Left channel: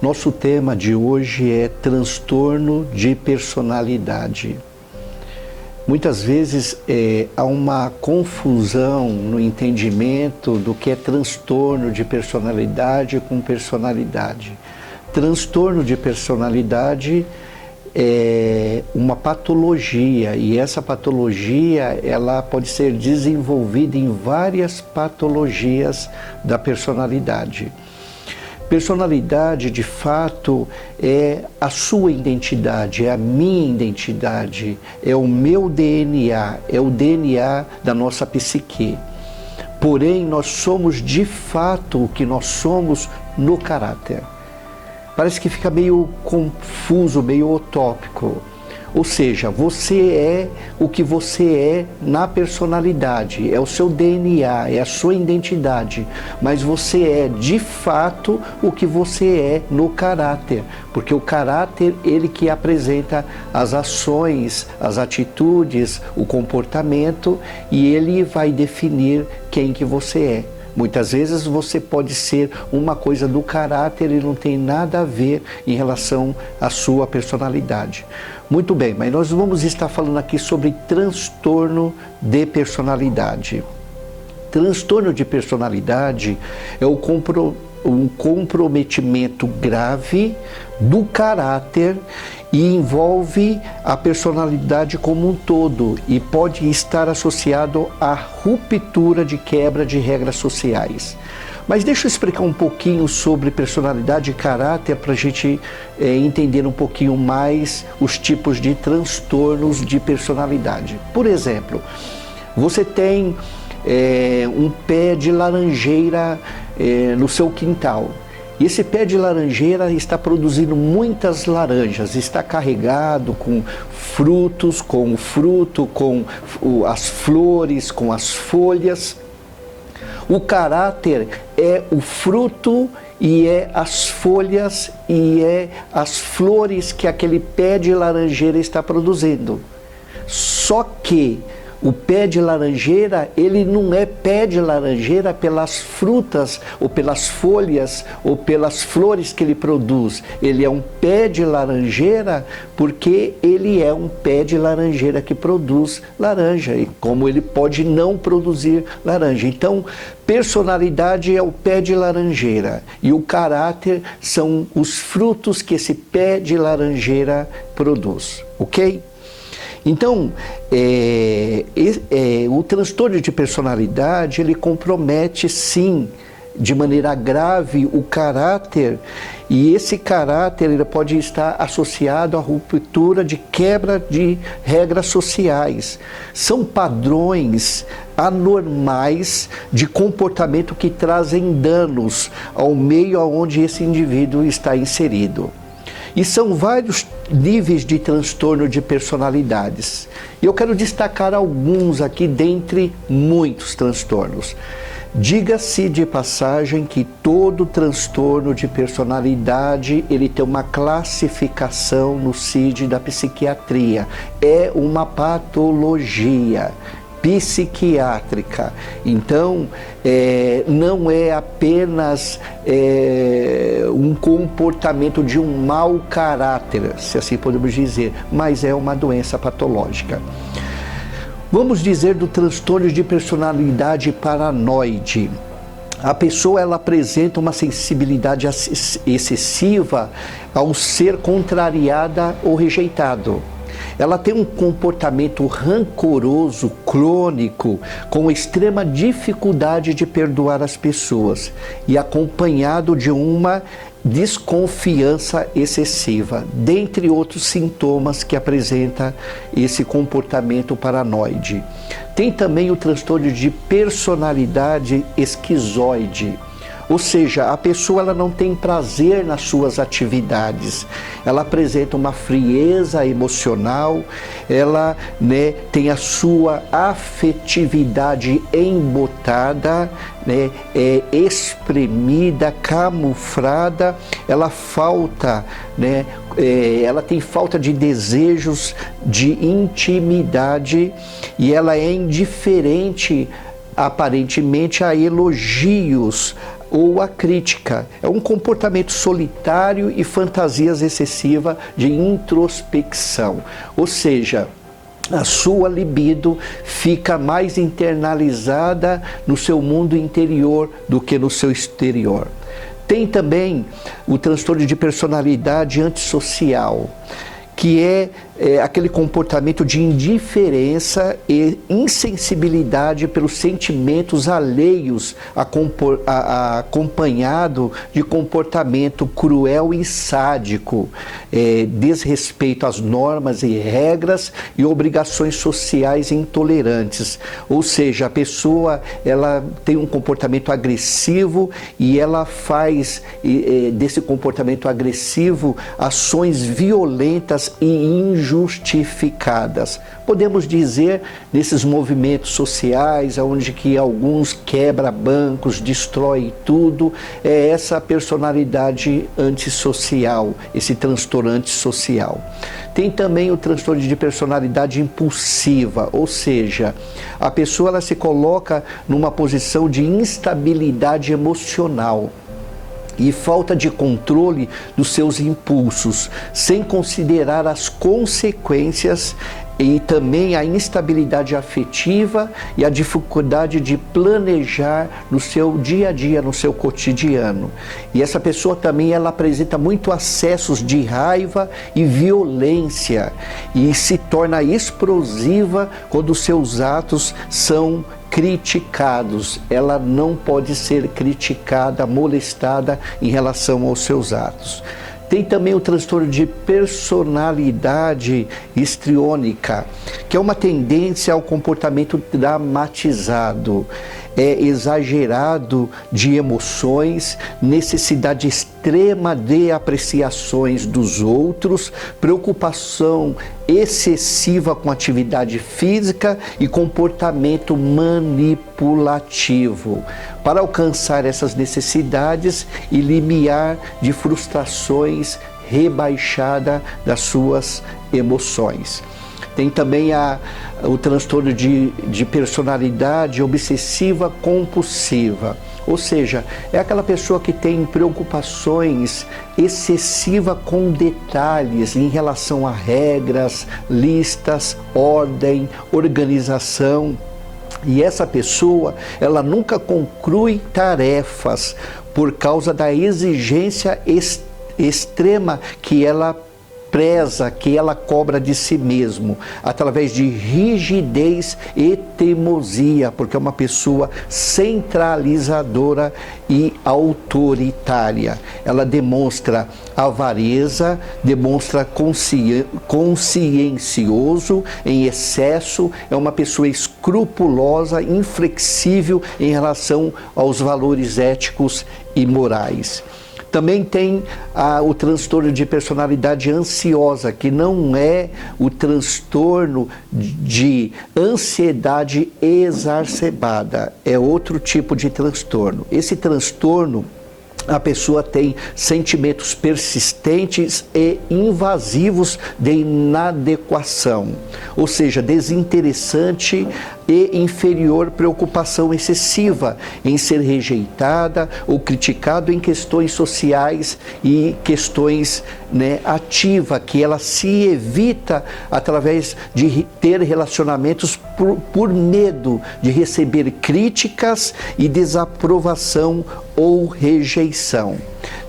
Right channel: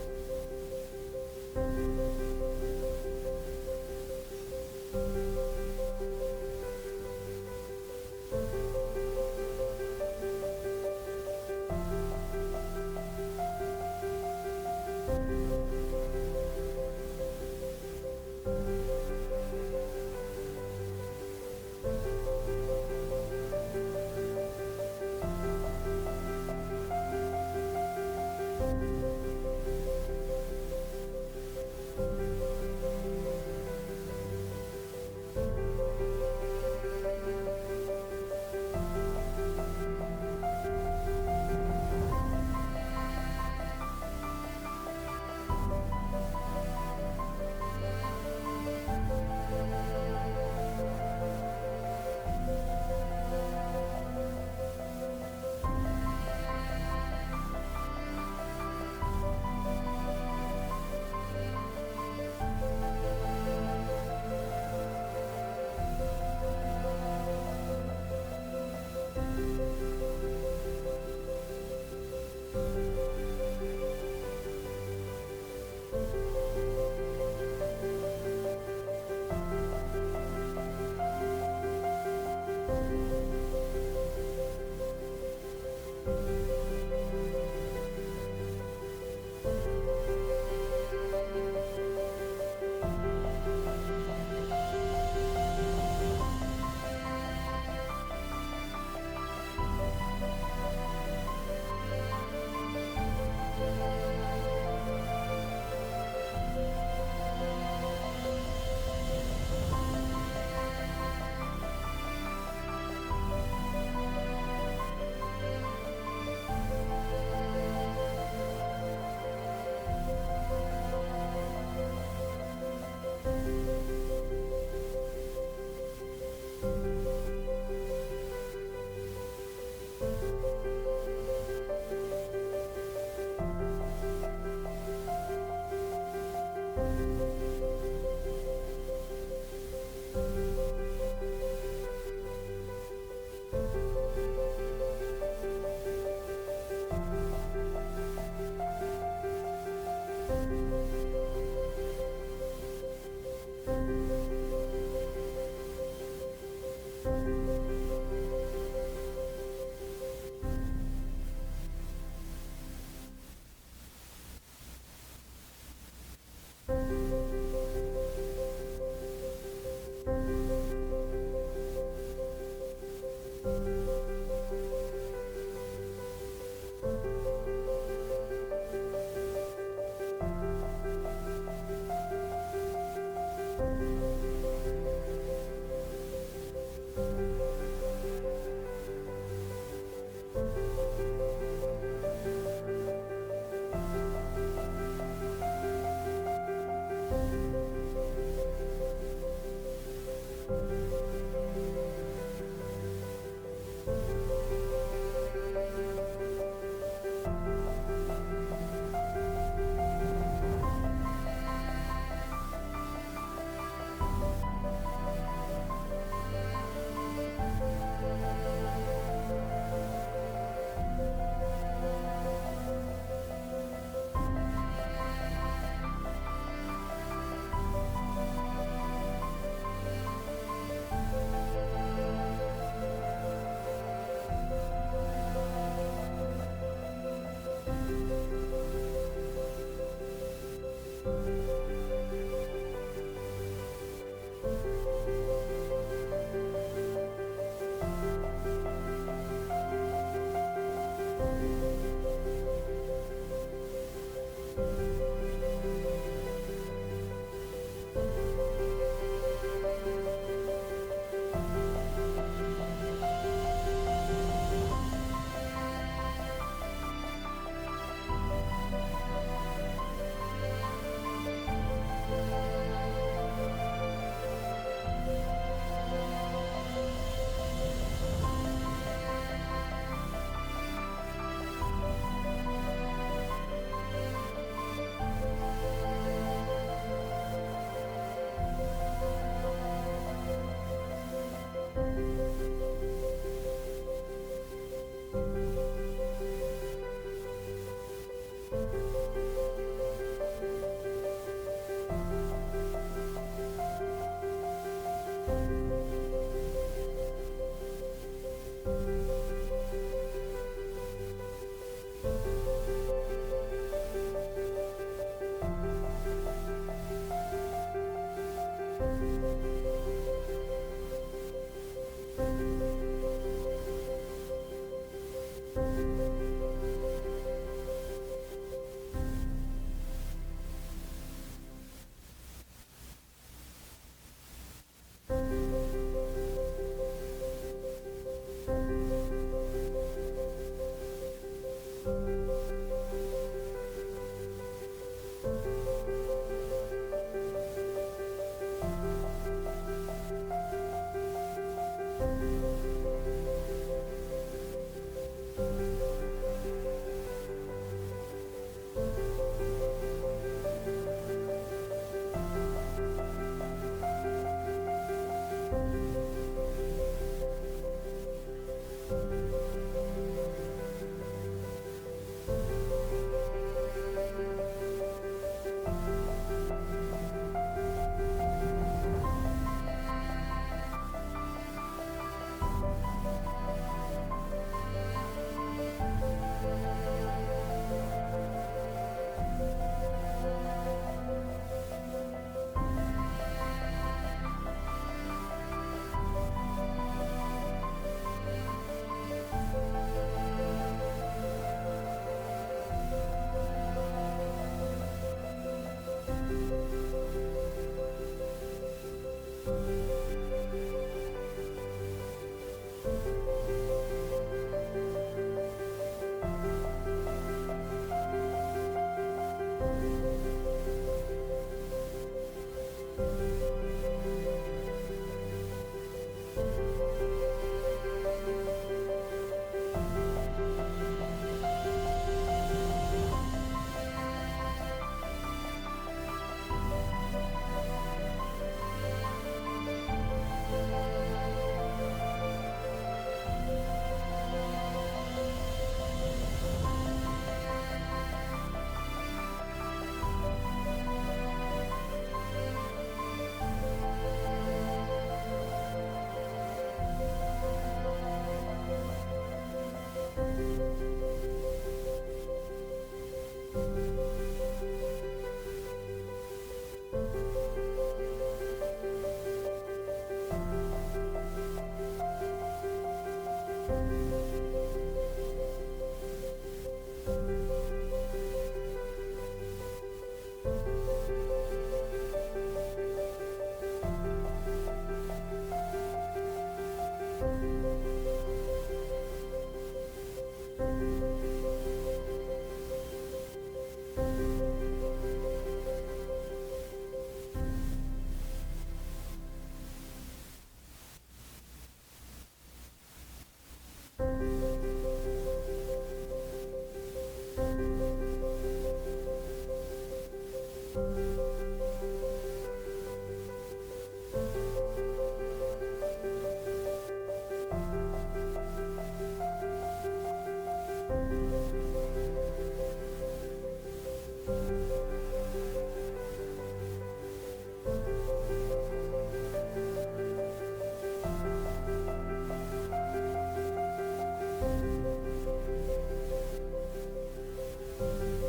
Nosso tema de hoje é transtorno de personalidade. Muitas vezes há uma confusão no entendimento do que é transtorno de personalidade com personalidade. Transtorno de personalidade é uma patologia e essa patologia ela pode ser desenvolvida em várias patologias da personalidade. Personalidade, de fato, é a sua identidade, é a minha identidade, é o meu DNA, é o DNA da nossa psique. Porém, nós somos de fato o que nós somos no caráter. Parece que fica meio confuso, meio utópico. Ou seja, você é o que você é na personalidade, é o seu DNA, é a sua identidade, mas você é de fato o que você é no caráter, porque o caráter, ele que apresenta as ações, as atitudes, o comportamento e ele vai definir quem que você é. Muitas vezes você pode ser uma coisa do caráter e não tem nada a ver em relação à sua personalidade. Muito bem, mas nós vamos estar falando aqui sobre transtorno de personalidade. Transtorno de personalidade é um comprometimento grave do caráter e envolve a personalidade como um todo e pode estar associado à ruptura de quebra de regras sociais. Mas deixa eu explicar um pouquinho sobre personalidade e caráter para a gente entender um pouquinho mais os tipos de transtornos de personalidade. Por exemplo, você tem um pé de laranjeira no seu quintal. E esse pé de laranjeira está produzindo muitas laranjas, está carregado com frutos, com o fruto, com as flores, com as folhas. O caráter é o fruto e é as folhas e é as flores que aquele pé de laranjeira está produzindo. Só que o pé de laranjeira, ele não é pé de laranjeira pelas frutas ou pelas folhas ou pelas flores que ele produz. Ele é um pé de laranjeira porque ele é um pé de laranjeira que produz laranja. E como ele pode não produzir laranja. Então, personalidade é o pé de laranjeira e o caráter são os frutos que esse pé de laranjeira produz, ok? Então, o transtorno de personalidade, ele compromete sim, de maneira grave, o caráter e esse caráter ele pode estar associado à ruptura de quebra de regras sociais. São padrões anormais de comportamento que trazem danos ao meio onde esse indivíduo está inserido. E são vários níveis de transtorno de personalidades. E eu quero destacar alguns aqui dentre muitos transtornos. Diga-se de passagem que todo transtorno de personalidade, ele tem uma classificação no CID da psiquiatria. É uma patologia psiquiátrica. Então, não é apenas um comportamento de um mau caráter, se assim podemos dizer, mas é uma doença patológica. Vamos dizer do transtorno de personalidade paranoide. A pessoa ela apresenta uma sensibilidade excessiva ao ser contrariada ou rejeitado. Ela tem um comportamento rancoroso, crônico, com extrema dificuldade de perdoar as pessoas e acompanhado de uma desconfiança excessiva, dentre outros sintomas que apresenta esse comportamento paranoide. Tem também o transtorno de personalidade esquizoide. Ou seja, a pessoa ela não tem prazer nas suas atividades, ela apresenta uma frieza emocional, ela tem a sua afetividade embotada, espremida, camuflada, ela falta, ela tem falta de desejos, de intimidade e ela é indiferente aparentemente a elogios ou a crítica. É um comportamento solitário e fantasias excessivas de introspecção. Ou seja, a sua libido fica mais internalizada no seu mundo interior do que no seu exterior. Tem também o transtorno de personalidade antissocial, que é aquele comportamento de indiferença e insensibilidade pelos sentimentos alheios, acompanhado de comportamento cruel e sádico, desrespeito às normas e regras e obrigações sociais intolerantes. Ou seja, a pessoa ela tem um comportamento agressivo e ela faz desse comportamento agressivo ações violentas e injustificadas. Podemos dizer, nesses movimentos sociais, onde que alguns quebra bancos, destrói tudo, é essa personalidade antissocial, esse transtorno antissocial. Tem também o transtorno de personalidade impulsiva, ou seja, a pessoa ela se coloca numa posição de instabilidade emocional e falta de controle dos seus impulsos, sem considerar as consequências e também a instabilidade afetiva e a dificuldade de planejar no seu dia a dia, no seu cotidiano. E essa pessoa também ela apresenta muito acessos de raiva e violência e se torna explosiva quando os seus atos são criticados. Ela não pode ser criticada, molestada em relação aos seus atos. Tem também o transtorno de personalidade histriônica, que é uma tendência ao comportamento dramatizado, exagerado de emoções, necessidade extrema de apreciações dos outros, preocupação excessiva com atividade física e comportamento manipulativo, para alcançar essas necessidades e limiar de frustrações rebaixada das suas emoções. Tem também o transtorno de personalidade obsessiva compulsiva, ou seja, é aquela pessoa que tem preocupações excessivas com detalhes em relação a regras, listas, ordem, organização. E essa pessoa, ela nunca conclui tarefas por causa da exigência extrema que ela preza, que ela cobra de si mesmo, através de rigidez e teimosia, porque é uma pessoa centralizadora e autoritária. Ela demonstra avareza, demonstra consciencioso em excesso, é uma pessoa escrupulosa, inflexível em relação aos valores éticos e morais. Também tem o transtorno de personalidade ansiosa, que não é o transtorno de ansiedade exacerbada, é outro tipo de transtorno. Esse transtorno, a pessoa tem sentimentos persistentes e invasivos de inadequação, ou seja, desinteressante e inferior preocupação excessiva em ser rejeitada ou criticado em questões sociais e questões ativa, que ela se evita através de ter relacionamentos por medo de receber críticas e desaprovação ou rejeição.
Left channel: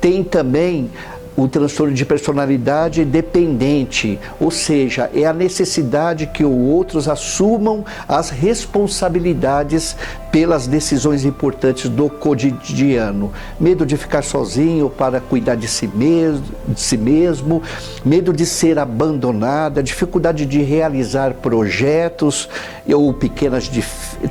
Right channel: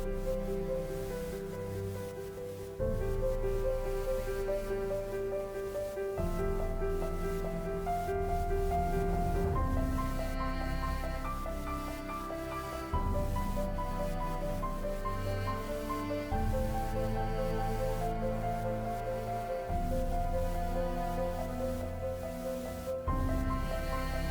Tem também o transtorno de personalidade dependente, ou seja, é a necessidade que os outros assumam as responsabilidades pelas decisões importantes do cotidiano. Medo de ficar sozinho para cuidar de si mesmo, medo de ser abandonada, dificuldade de realizar projetos ou pequenas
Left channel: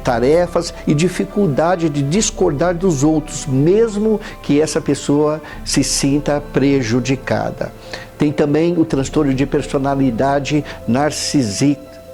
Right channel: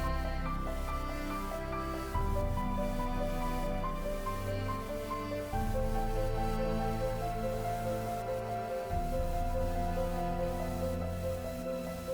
tarefas e dificuldade de discordar dos outros, mesmo que essa pessoa se sinta prejudicada. Tem também o transtorno de personalidade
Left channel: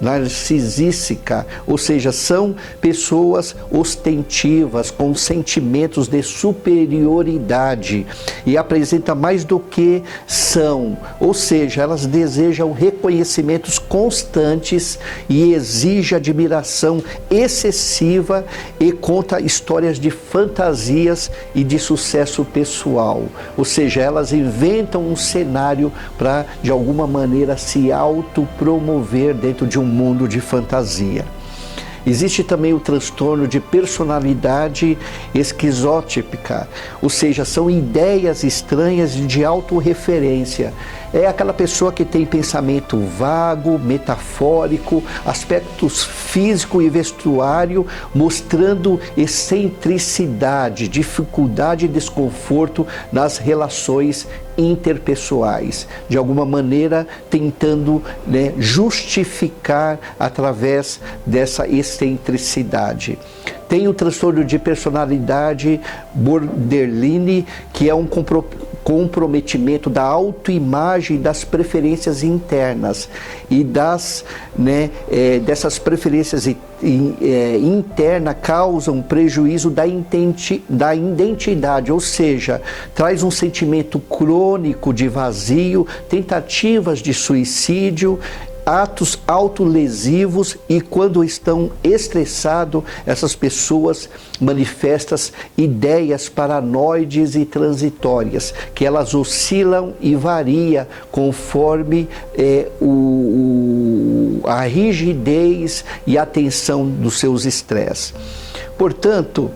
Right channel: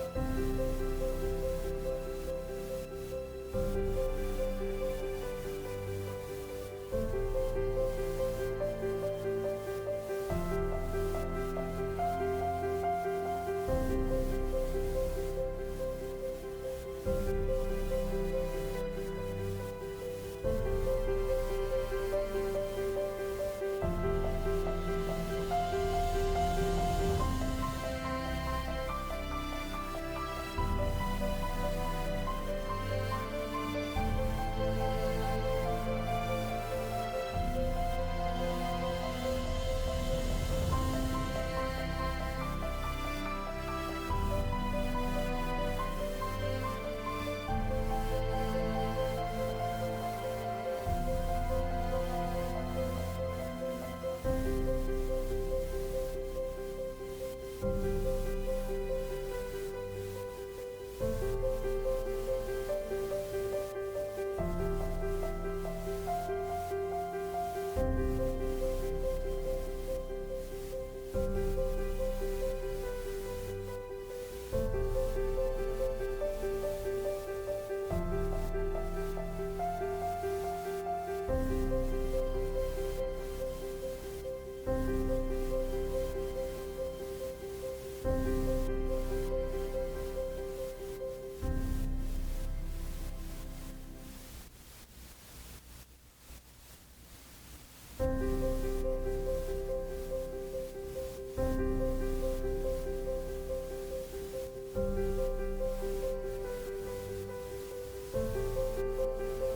narcisística, ou seja, são pessoas ostentivas, com sentimentos de superioridade e apresentam mais do que são, ou seja, elas desejam reconhecimentos constantes e exigem admiração excessiva e conta histórias de fantasias e de sucesso pessoal, ou seja, elas inventam um cenário para, de alguma maneira, se autopromover dentro de um mundo de fantasia. Existe também o transtorno de personalidade esquizotípica, ou seja, são ideias estranhas e de autorreferência. É aquela pessoa que tem pensamento vago, metafórico, aspectos físico e vestuário, mostrando excentricidade, dificuldade e desconforto nas relações interpessoais, de alguma maneira tentando, justificar através dessa excentricidade. Tem o transtorno de personalidade borderline, que é um comprometimento da autoimagem, das preferências internas e dessas preferências internas causam prejuízo da identidade, ou seja, traz um sentimento crônico de vazio, tentativas de suicídio, atos autolesivos, e quando estão estressados, essas pessoas manifestam ideias paranoides e transitórias, que elas oscilam e variam conforme a rigidez e a tensão dos seus estresses. Portanto,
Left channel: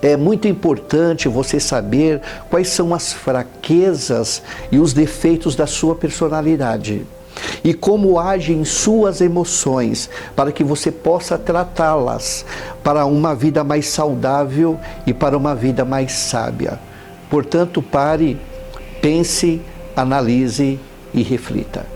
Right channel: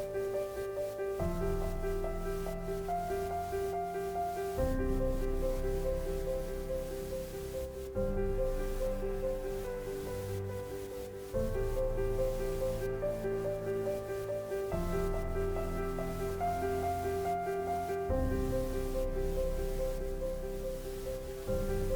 é muito importante você saber quais são as fraquezas e os defeitos da sua personalidade e como agem suas emoções, para que você possa tratá-las para uma vida mais saudável e para uma vida mais sábia. Portanto, pare, pense, analise e reflita.